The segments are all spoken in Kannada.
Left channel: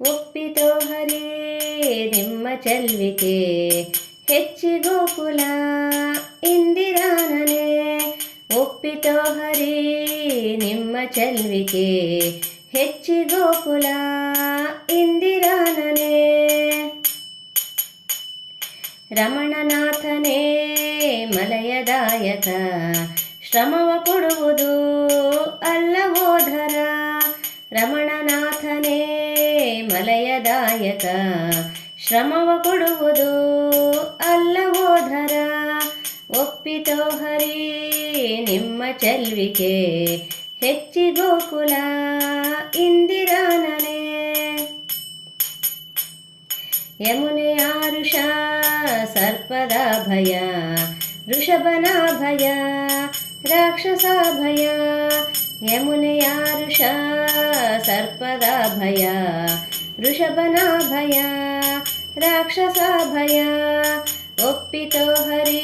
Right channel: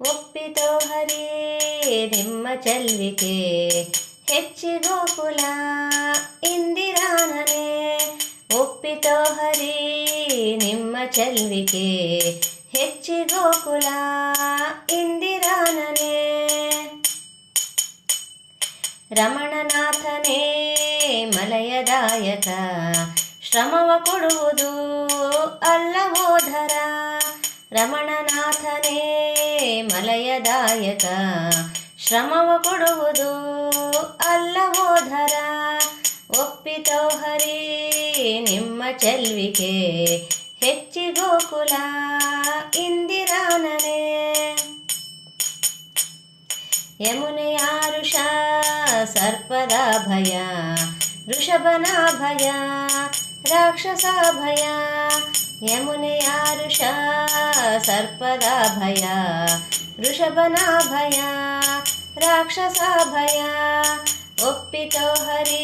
ಒಪ್ಪಿತೋ ಹರಿ, ನಿಮ್ಮ ಚಲ್ವಿಕೆ. ಹೆಚ್ಚಿ ಗೋಕುಲ, ಇಂದಿರಾನನೆ. ಒಪ್ಪಿತೋ ಹರಿ, ನಿಮ್ಮ ಚಲ್ವಿಕೆ. ಹೆಚ್ಚಿ ಗೋಕುಲ, ಇಂದಿರಾನನೆ. ರಮಣನಾಥನೇ, ಮಲಯದಾಯಕ. ಶ್ರಮವ ಕೊಡುವುದು ಅಲ್ಲವೋಧರ. ರಮಣನಾಥನೇ ಮಲಯದಾಯಕ ಶ್ರಮವ ಕೊಡುವುದು ಅಲ್ಲವೋಧರ ಒಪ್ಪಿತೋ ಹರಿ, ನಿಮ್ಮ ಚೆಲ್ವಿಕೆ. ಹೆಚ್ಚಿ ಗೋಕುಲ, ಇಂದಿರಾನನೆ. ಯಮುನೆಯಾರುಷ, ಸರ್ಪದ ಭಯ. ವೃಷಭನ ಭಯ ರಾಕ್ಷಸ ಭಯ. ಯಮುನೆಯಾರುಷ, ಸರ್ಪದ ಭಯ. ವೃಷಭನ ರಾಕ್ಷಸಾಭಯ ರಾಕ್ಷಸ ಭಯ ಒಪ್ಪಿತೋ ಹರಿ,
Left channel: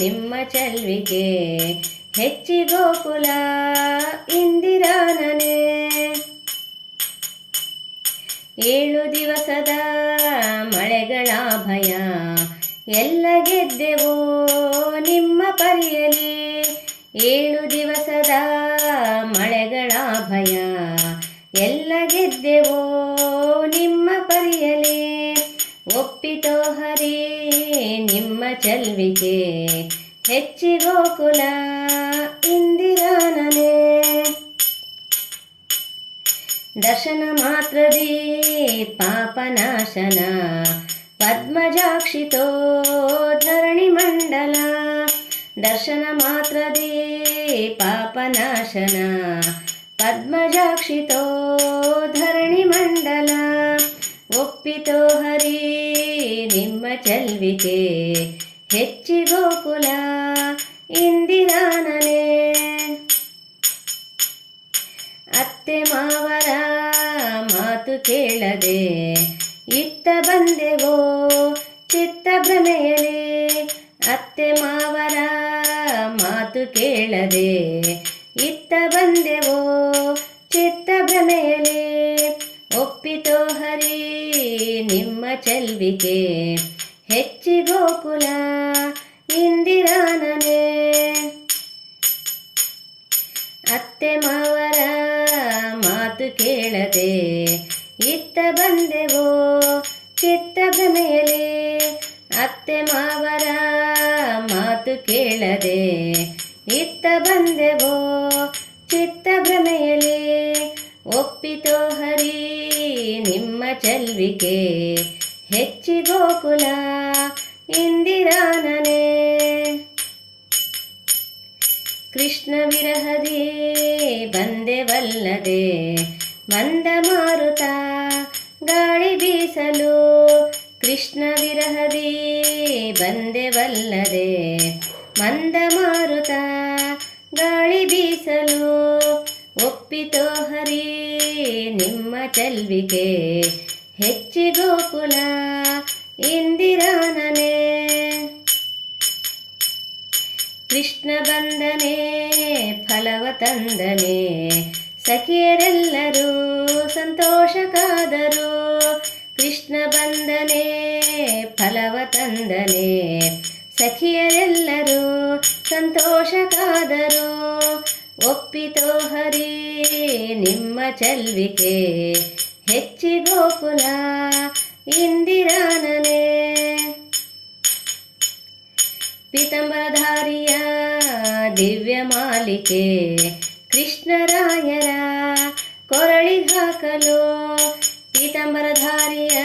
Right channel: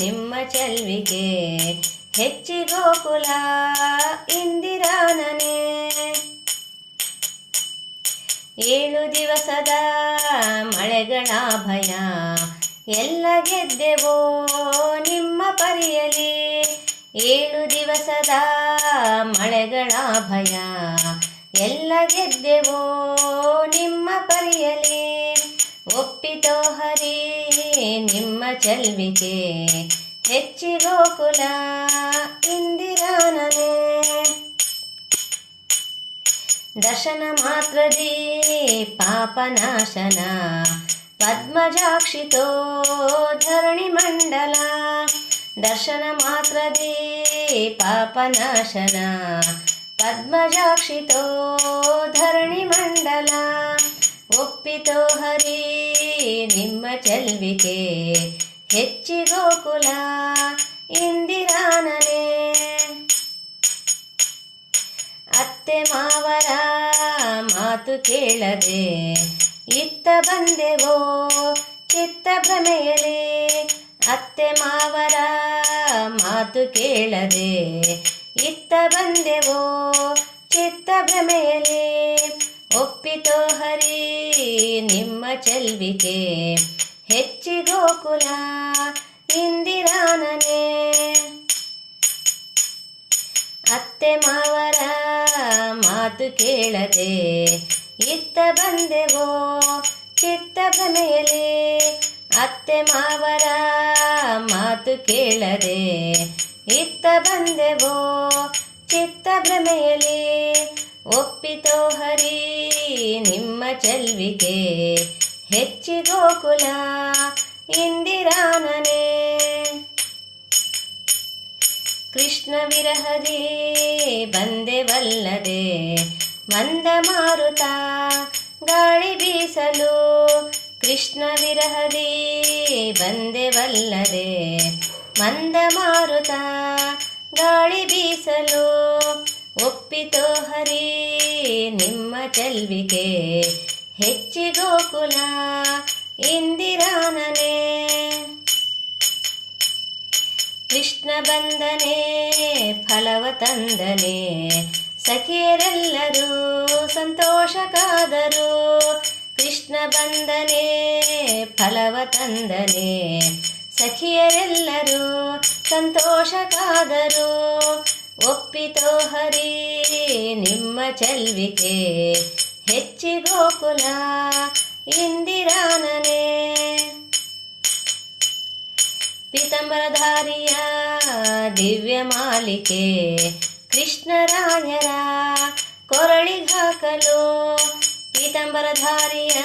ನಿಮ್ಮ ಚಲ್ವಿಕೆ ಹೆಚ್ಚಿ ಗೋಕುಲ, ಇಂದಿರಾನನೆ. ಏಳು ದಿವಸದ ಮಳೆಗಳ ಭಯ, ಎಲ್ಲ ಗೆದ್ದೆವೋ ನಿಮ್ಮ ಪರಿಯಲಿ. ಏಳು ದಿವಸದ ಮಳೆಗಳ ಭಯ ಎಲ್ಲ ಗೆದ್ದೆವೋ ನಿಮ್ಮ ಪರಿಯಲಿ, ಒಪ್ಪಿತೋ ಹರಿ, ನಿಮ್ಮ ಚಲ್ವಿಕೆ. ಹೆಚ್ಚಿ ಗೋಕುಲ ಇಂದಿರಾನನೆ. ದರ್ಶನ ಮಾತ್ರದಿ ಪಾಪನಾಶನ ಪದ್ಮಜಾಕ್ಷಿತೋ ಧರಣಿ ಮಂಡಲ. ದರ್ಶನ ಮಾತ್ರದಿ ಪಾಪನಾಶನ ಪದ್ಮಜಾಕ್ಷಿತೋ ಧರಣಿ ಮಂಡಲ, ಒಪ್ಪಿತೋ ಹರಿ, ನಿಮ್ಮ ಚೆಲ್ವಿಕೆ ಹೆಚ್ಚಿ ಗೋಕುಲ, ಇಂದಿರಾನನೆ. ಅತ್ತೆ ಮಾವರ ಮಾತು ಕೇಳದೆ ಇತ್ತ ಬಂದೆವೋ ಚಿತ್ತ ಭ್ರಮೆಯಲಿ, ಅತ್ತೆ ಮಾವರ ಮಾತು ಕೇಳದೆ ಇತ್ತ ಬಂದೆವೋ ಚಿತ್ತ ಭ್ರಮೆಯಲ್ಲಿ. ಒಪ್ಪಿತೋ ಹರಿ ನಿಮ್ಮ ಚಲ್ವಿಕೆ. ಹೆಚ್ಚಿ ಗೋಕುಲ ಇಂದಿರಾನನೆ. ಅತ್ತೆ ಮಾವರ ಮಾತು ಕೇಳದೆ ಇತ್ತ ಬಂದೆವೋ ಚಿತ್ತ ಭ್ರಮೆಯಲ್ಲಿ. ಅತ್ತೆ ಮಾವರ ಮಾತು ಕೇಳದೆ ಇತ್ತ ಬಂದೆವೋ ಚಿತ್ತ ಭ್ರಮೆಯಲಿ? ಒಪ್ಪಿತೋ ಹರಿ, ನಿಮ್ಮ ಚಲ್ವಿಕೆ ಹೆಚ್ಚಿ ಗೋಕುಲ ಇಂದಿರಾನನೆ. ಕೃಷ್ಣ ವಿರಹದಿ, ಬಂದೆವಲ್ಲದೆ ಮಂದ ಮಾರುತ ಗಾಳಿ ಬೀಸಲು ಕೃಷ್ಣ ವಿರಹದಿ, ಬಂದೆವಲ್ಲದೆ ಮಂದ ಮಾರುತ ಗಾಳಿ ಬೀಸಲು ಒಪ್ಪಿತೋ ಹರಿ, ನಿಮ್ಮ ಚಲ್ವಿಕೆ ಹೆಚ್ಚಿ ಗೋಕುಲ ಇಂದಿರಾನನೆ. ಕೃಷ್ಣ ಬಂದನೆ, ಫಲವ ತಂದನೆ, ಸಖಿಯರೆಲ್ಲರೂ ಸಂತೋಷ ಕಾದರು ಕೃಷ್ಣ ಬಂದನೆ, ಫಲವ ತಂದನೆ ಸಖಿಯರೆಲ್ಲರೂ ಸಂತೋಷ ಕಾದರು ಒಪ್ಪಿತೋ ಹರಿ, ನಿಮ್ಮ ಚಲ್ವಿಕೆ ಹೆಚ್ಚಿ ಗೋಕುಲ, ಇಂದಿರಾನನೆ. ಪೀತಂಬರಧಾರಿಯ ದಿವ್ಯ ಮಾಲಿಕೆ, ಕೃಷ್ಣರಾಯರ ಕೊರಳಿಗಾಕಲು ಪೀತಂಬರಧಾರಿಯ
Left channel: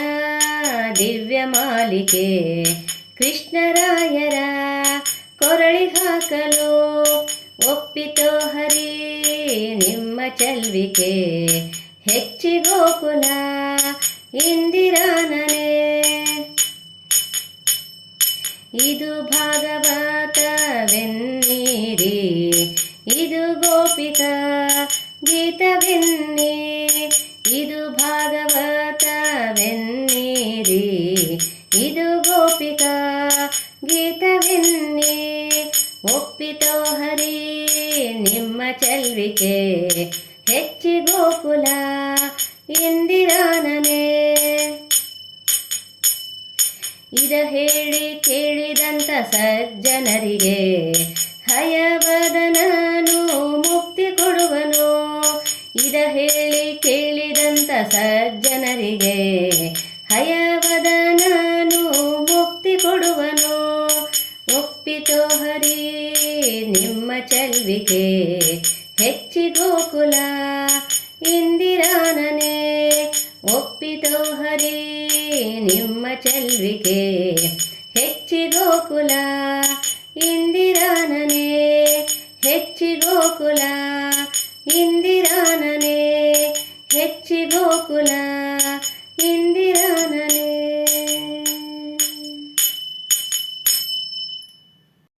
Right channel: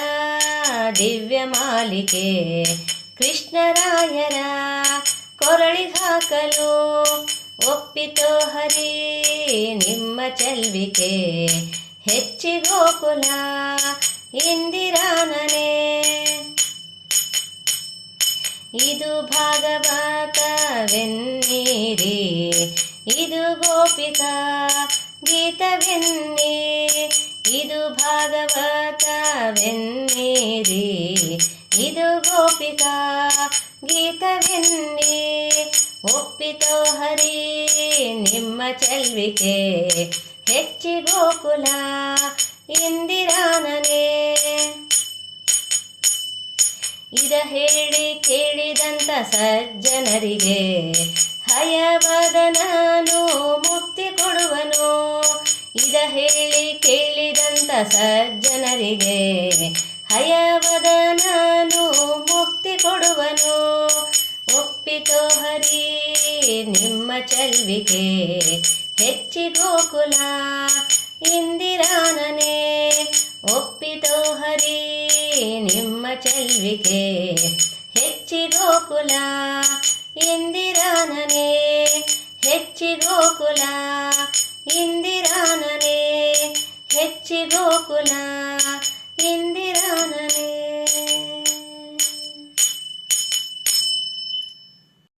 ದಿವ್ಯ ಮಾಲಿಕೆ ಕೃಷ್ಣರಾಯರ ಕೊರಳಿ ಹಾಕಲು ಒಪ್ಪಿತೋ ಹರಿ, ನಿಮ್ಮ ಚಲ್ವಿಕೆ ಹೆಚ್ಚಿ ಗೋಕುಲ ಇಂದಿರಾನನೆ. ಇದು ಭಾಗವತವೆನ್ನೀರಿ ಇದು ಗೋಪಿತ ಗೀತವೆನ್ನಿ, ಇದು ಭಾಗವತವೆನ್ನೀರಿ ಚೆಲ್ವಿಕೆ ಹೆಚ್ಚಿ ಗೋಕುಲ ಇಂದಿರಾನನೇ. ಇದ ಹೇಳಿ ಕೇಳಿದಂತ ಸಜ್ಜನರಿಗೆ ನಾನು ಮುಕ್ತಿ ಕೊಡುವನು. ಇದ ಹೇಳಿ ಕೇಳಿದಂತ ಸಜ್ಜನರಿಗೆ ನಾನು ಮುಕ್ತಿ ಕೊಡುವನು. ಹೆಚ್ಚಿ ಗೋಕುಲ ಇಂದಿರಾನನೇ ಒಪ್ಪಿತೋ ಹರಿ ನಿಮ್ಮ ಚೆಲ್ವಿಕೆ. ಹೆಚ್ಚಿ ಗೋಕುಲ ಇಂದಿರಾನನೇ ಹೆಚ್ಚಿ ಗೋಕುಲ ಇಂದಿರಾನನೇ ಹೆಚ್ಚಿ ಗೋಕುಲ